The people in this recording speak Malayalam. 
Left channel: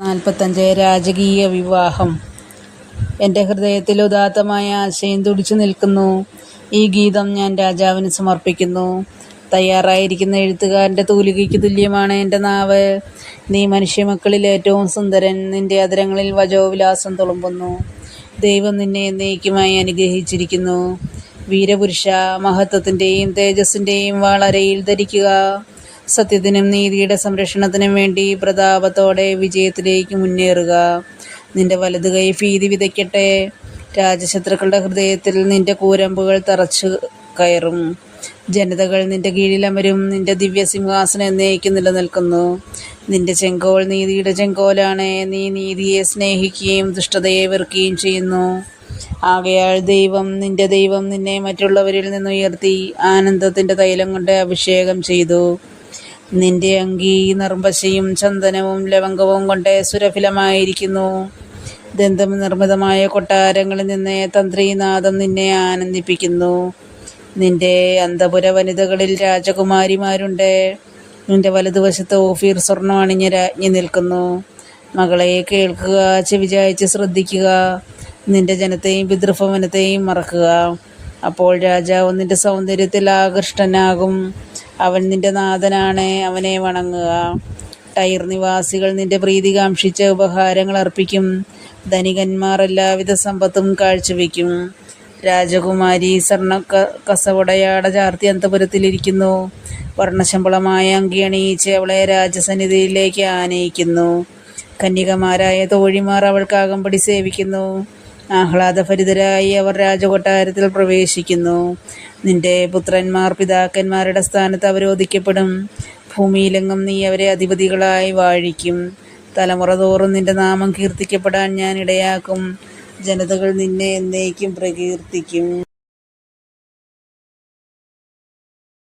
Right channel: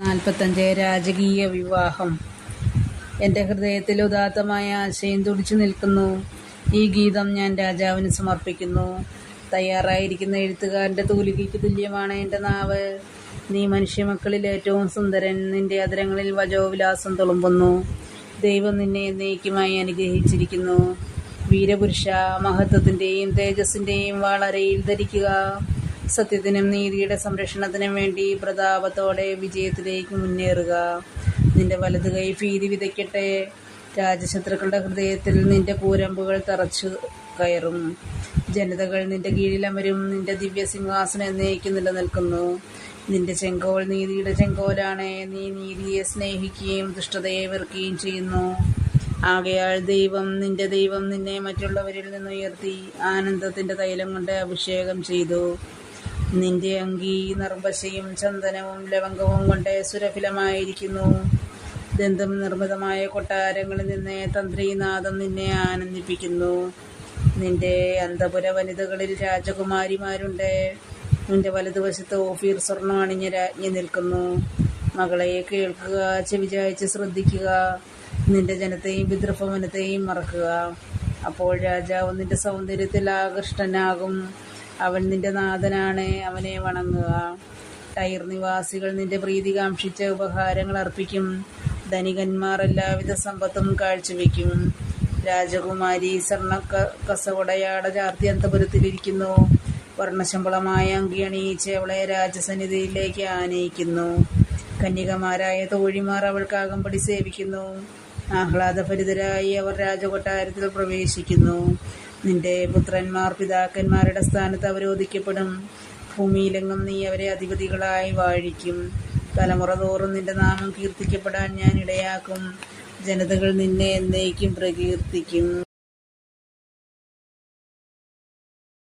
45 രാജകീയ വിവാഹം. എൻ്റെ ഹൃദയത്തിൽ ഉദാത്തമായ ആശയം തുടിച്ചു നിൽക്കുന്നു. ഈ ഗീതം ഞാൻ രാജാവിന് സമർപ്പിക്കുന്നു. തയ്യാറായിരിക്കുന്ന എഴുത്തുകാരൻ്റെ തൂലികയ്ക്ക് തുല്യമാണ് എൻ്റെ നാവ്. നീ മനുഷ്യമക്കളിൽ ഏറ്റവും സുന്ദരൻ. നിൻ്റെ അധരങ്ങളിൽ വചോവിലാസം തുളുമ്പുന്നു. ദൈവം നിന്നെ എന്നേക്കുമായി അനുഗ്രഹിച്ചിരിക്കുന്നു. വീരപുരുഷ, മഹത്വത്തിൻ്റെയും തേജസ്സിൻ്റെയും വാളരയിൽ ധരിക്കുക. സത്യത്തിനും നീതിയുടെ സംരക്ഷണത്തിനും വേണ്ടി പ്രതാപത്തോടെ വിജയത്തിലേക്ക് മുന്നേറുക. നിന്റെ വലതുകൈ ഭീതി വിതയ്ക്കട്ടെ. രാജശത്രുക്കളുടെ ഹൃദയത്തിൽ നിന്റെ കൂരമ്പുകൾ തറച്ചു കയറും. ജനതകൾ നിന്റെ കീഴിലമരും. നിന്റെ ദിവ്യസിംഹാസനം എന്നേക്കും നിലനിൽക്കുന്നു. നിന്റെ ചെങ്കോൽ നീതിയുടെ ചെങ്കോലാണ്. നീ നീതിയെ സ്നേഹിക്കുകയും ദുഷ്ടതയെ വെറുക്കുകയും ചെയ്യുന്നു. ആകയാൽ നിന്റെ ദൈവം നിന്നെ മറ്റുള്ളവരിൽ നിന്നുയർത്തി ആനന്ദത്തിൻ്റെ തൈലം കൊണ്ട് അഭിഷേകം ചെയ്തു. നിന്റെ അങ്കി നിർമ്പശയും ചന്ദനവും ലവംഗവും കൊണ്ട് സുരഭിലമായിരിക്കുന്നു. ദന്തം നിർമ്മിതമായ കൊട്ടാരങ്ങളിൽ നിന്ന് തന്ത്രീനാദം നിന്നെ ആനന്ദിപ്പിക്കുന്നു. നിന്റെ അന്തപുര വനിതകളിൽ രാജകുമാരിമാരുണ്ട്. നിന്റെ വലതുവശത്ത് ഓഫീർ സ്വർണം അണിഞ്ഞ രാജ്ഞി നിൽക്കുന്നു. മകളെ കേൾക്കുക, ചെവി ചായ്ച്ച് ശ്രദ്ധിക്കുക. നിന്റെ ജനത്തെയും പിതൃഭവനത്തെയും മറക്കുക. അപ്പോൾ രാജാവ് നിന്റെ സൗന്ദര്യത്തിൽ ആകൃഷ്ടനാകും. അവൻ നിന്റെ നാഥനാണ്, അവനെ വണങ്ങുക. ടൈർ നിവാസികൾ നിന്റെ പ്രീതി കാംക്ഷിച്ച് ഉപഹാരങ്ങൾ അർപ്പിക്കും. ധനികന്മാർ എല്ലാവിധ സമ്പത്തും കാഴ്ചവെക്കും. രാജകുമാരി സ്വർണ്ണ കസവുടയാട ചാർത്തി അന്തപുരത്തിലിരിക്കുന്നു. വർണ്ണശമ്പളമായ അങ്കി അണിയിച്ച് അവളെ രാജസന്നിധിയിലേക്ക് ആനയിക്കുന്നു. കന്യകമാരായ തോഴിമാർ അവൾക്ക് അകമ്പടി സേവിക്കുന്നു. ആഹ്ലാദഭരിതരായി അവർ രാജകൊട്ടാരത്തിൽ പ്രവേശിക്കുന്നു. നിന്റെ പുത്രന്മാർ പിതാക്കന്മാരുടെ സ്ഥാനത്ത് അവരോധിക്കപ്പെടും. ഭൂമിയിലെങ്ങും നീ അവരെ അധിപതികളായി വാഴിക്കും. തലമുറ തോറും നിന്റെ നാമം കീർത്തിക്കപ്പെടാൻ ഞാൻ ഇടയാക്കും. ജനതകൾ നിന്നെ എന്നേക്കും പ്രകീർത്തിക്കും.